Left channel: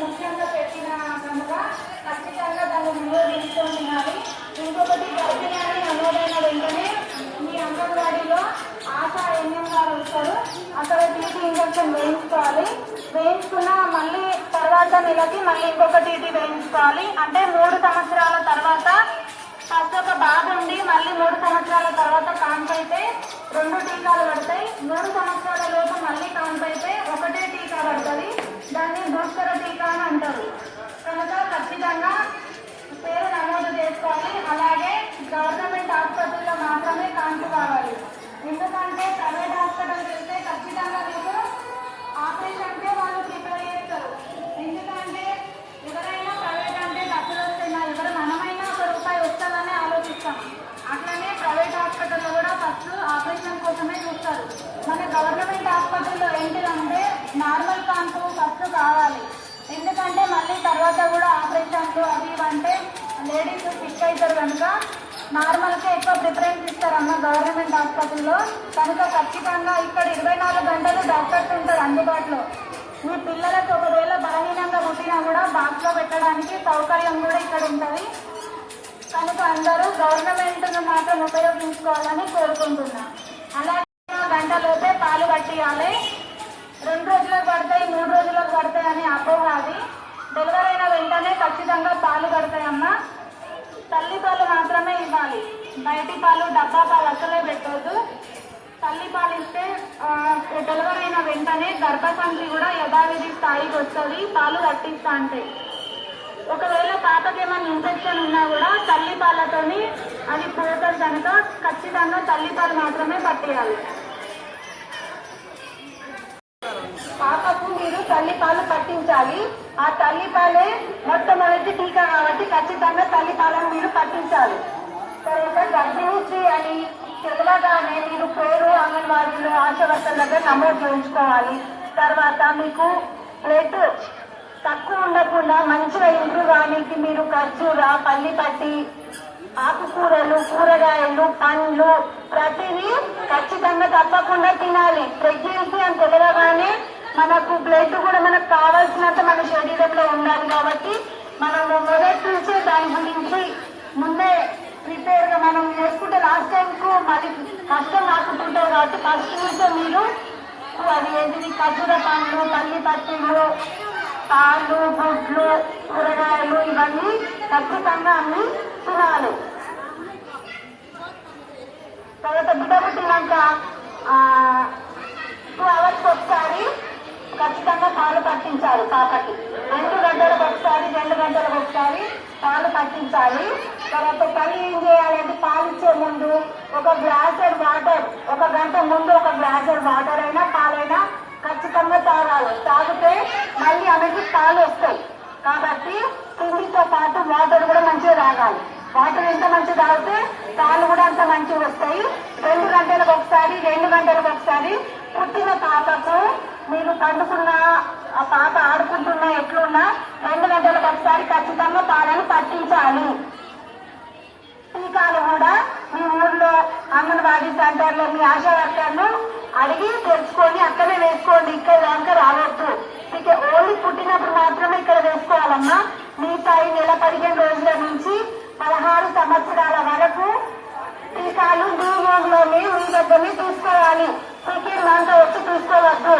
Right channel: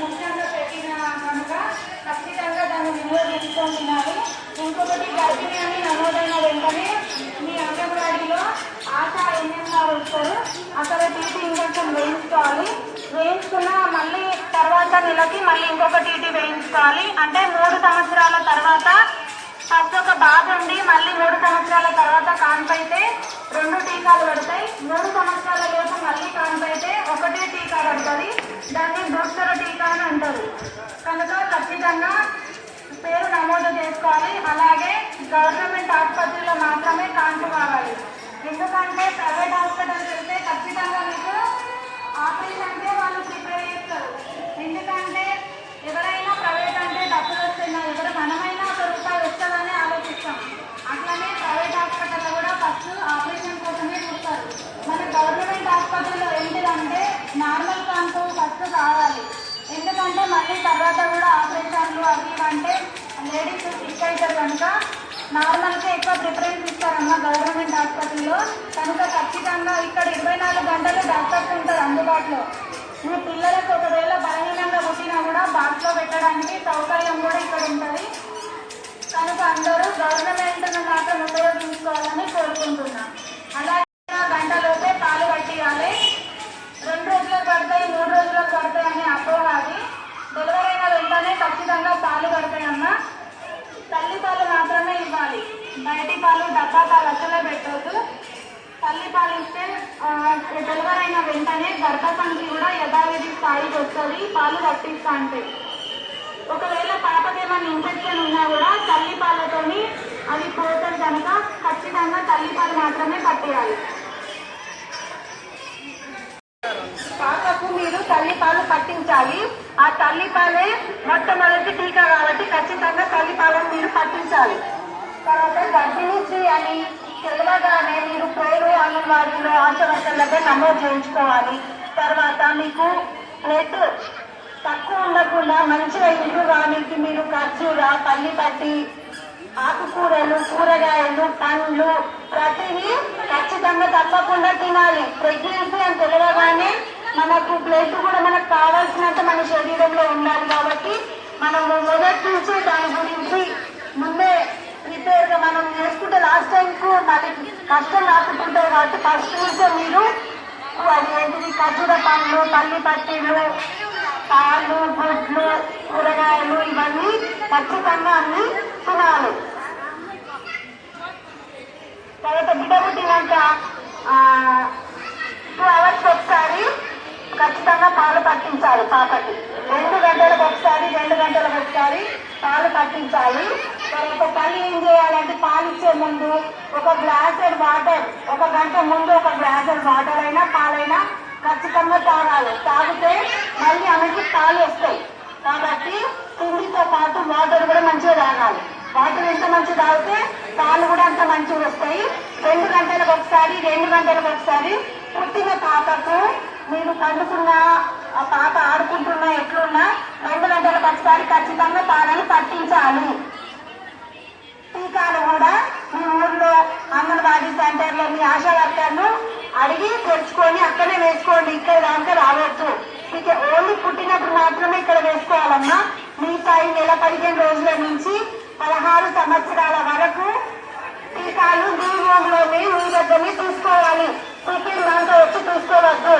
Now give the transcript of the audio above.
ముఖ్యంగా పెట్టిన కనుక ఖచ్చితంగా దాన్ని ముందు తెలుసుకొని ఇంకొకటి గర్భిణి అని నమోదైన వెంటనే మీ అంగన్వాడీలో ఆశ ఎన్ఎం వస్తారు అక్కడ టీటీ ఇంజక్షన్ వేయించుకోవాలి. వేయించుకున్న మళ్ళీ తర్వాత నెలకి మళ్ళీ ఇంకొక టీటీ వేయించుకోవాలి. అంటే మూడు సంవత్సరాల తర్వాత ఫస్ట్ ఒక బాబు మళ్ళీ మూడు సంవత్సరాల తర్వాత కాన్పైతే రెండు టీకాలు పడతాయి. మూడు సంవత్సరాల లోపు మళ్ళీ చేసుకోవాలి అలాగే గవర్నమెంట్ ఆసుపత్రిలో మాత్రమే కాన్పు కావాలి ఎందుకంటే ప్రైవేట్ హాస్పిటల్ వెళ్తే ఖచ్చితంగా మీకు ఆపరేషన్కే వాళ్ళు ప్రిపేర్ చేస్తారు ఎందుకంటే ఎవరైనా ప్రైవేట్ అంటే డబ్బులు వస్తున్నాయి ఎవరు మనమైనా ఒక రూపాయి వస్తుందని ఆలోచిస్తాం అట్లనే ప్రైవేట్ హాస్పిటల్లో కూడా ఫస్ట్ ఆపరేషన్ కోసమే చూస్తారు మన గవర్నమెంట్ హాస్పిటల్లో ఏంటిదంటే నార్మల్ కాంపు ఫస్ట్ కావాలి ఎందుకంటే మళ్ళీ తర్వాత కూడా ఆపరేషన్లు అవి ఇవి అంటే లేడీస్ సిక్ అవుతారు కనుక నార్మల్గా ఎక్కువ ప్రిఫరెన్స్ ఇస్తారమ్మ గవర్నమెంట్ హాస్పిటల్లో కనుక ఖచ్చితంగా ఇక్కడ ఇరవై నాలుగు గంటలు డాక్టర్స్ ఉంటారు అందుబాటులో. మీ పిల్లలకు ఒకవేళ బలహీనంగా పుట్టినా కూడా బాక్స్లో పెట్టడానికి సౌకర్యం కూడా ఇక్కడ ఉంటుంది. కనుక అందరూ గవర్నమెంట్ను మాత్రం ఉపయోగించుకోవాలని కోరుకుంటున్నాను అలాగే గంటలోపే పాలు పట్టియాలి రెండు రోజులకు పడతాయి మూడు రోజులకు పడతాయి అని అపోహాది డెలివరీ అయిన వెంటనే ఖచ్చితంగా పాలు పడతాయమ్మా తల్లి పాలు మాత్రమే ఇవ్వాలి బయటి పాలు డబ్బా పాలు అసలే పెట్టద్దు తల్లి పాలు ఇస్తే ఆ, అయిన వెంటనే గర్భసంధి కూడా యథావిధి స్థాయికి వస్తుంది పాలు పట్టిస్తా అంటే ఒకవేళ పాపకి ఏమైనా ఇన్ఫెక్షన్ ఉన్నా కూడా తల్లి పాలతోని అది పోతుంది కనుక ఖచ్చితంగా తల్లి పాలు మాత్రమే పట్టేయాలి. పాపకు మీరు తల్లి పాలు పట్టించాలి. ఆ తల్లి పాలే మొట్టమొదటి టీకా కాబట్టి ఖచ్చితంగా తల్లి పాలను మీరు పట్టించాలి. తర్వాత గర్భిణీశ్రీ అని తెలియగానే మీరు పేరు అంగన్వాడీలో ఆశవర్తల దగ్గర నమోదు చేయించుకోవాలి. తర్వాత మీకు బ్లడ్ తక్కువ ఉండకుండా మంచిగా ఇల్లు కానీ మీరు ఖర్జూర పల్లి పట్టి ఆకుకూరలు కూరగాయలు పండ్లు ప్రతిదీ ఖచ్చితంగా తప్పకుండా తినాలి. ప్రెగ్నెన్సీ అని తెలియగానే మనకు బ్లడ్ కూడా మనకు కావాల్సినంత మన శరీరంలో ఉండాలి కాబట్టి మనం మొదటి నుంచే దాని గురించి ముందే ప్రిపేర్ మనం చేసుకుంటే టైంకు కష్టం రాకుంటుంటారు కాబట్టి ఫస్ట్ నుంచే మీరు అది ఏంటిది? ఖర్జూర పండ్లు పల్లి పట్టీలు పాలు గుడ్లు కూరగాయలు ఇవన్నీ ఖచ్చితంగా అన్ని తినాలి. తర్వాత బిడ్డ పుట్టినాక టూ అవర్స్ ఒకసారి ఖచ్చితంగా పాలు పట్టించాలి పాపకి. రెండు గంటలకు ఒకసారి రెండు గంటలకు ఒకసారి పాలు పట్టించాలి. తర్వాత పని ఏం చేయాలంటే పాలు ఇచ్చే ముందు ఒక గ్లాసెడ్ వాటర్ ఒక గంట ముందు ఒక గ్లాసెడ్ వాటర్ అయినా పాలైనా ఖచ్చితంగా తాగాలి. తాగితే మళ్ళీ ఆమెకి పాలు వస్తాయి. కాబట్టి తిండితో పాటు వాటర్ కూడా మంచిగా తాగాలి. వాటర్ ఎంత మంచిగా తాగితే పాలు కూడా అంత మంచిగా వస్తాయి. రెండు గంటలకు ఒకసారి రెండు గంటలకు ఒకసారి పుట్టిన పాపకు మీరు పండుకున్నా ఆ పాప ఆడుకుంటున్నా ఎట్లున్నా రెండు గంటలకు ఒకసారి ఖచ్చితంగా పాలను పట్టించాలి టీకాలు కూడా మీ ఊర్లో అంగన్వాడీ సెంటర్లో మీ ఆశా వర్కర్ను అడిగి తెచ్చుకొని అక్కడే వేసుకోండి ఇక్కడ దాకా రావద్దు ఇక ఓన్లీ పుట్టినప్పుడు మాత్రమే ఇక్కడ వేసుకోవాలమ్మా. మిగతా ఈ నెల పదిహేను రోజుల నుంచి పదహారు సంవత్సరాల వరకు టీకాలు మీ రూమ్లోనే మీ దగ్గరనే తీసుకోవాలి. సెకండ్ దాంట్లో వచ్చి తీసుకోవద్దు.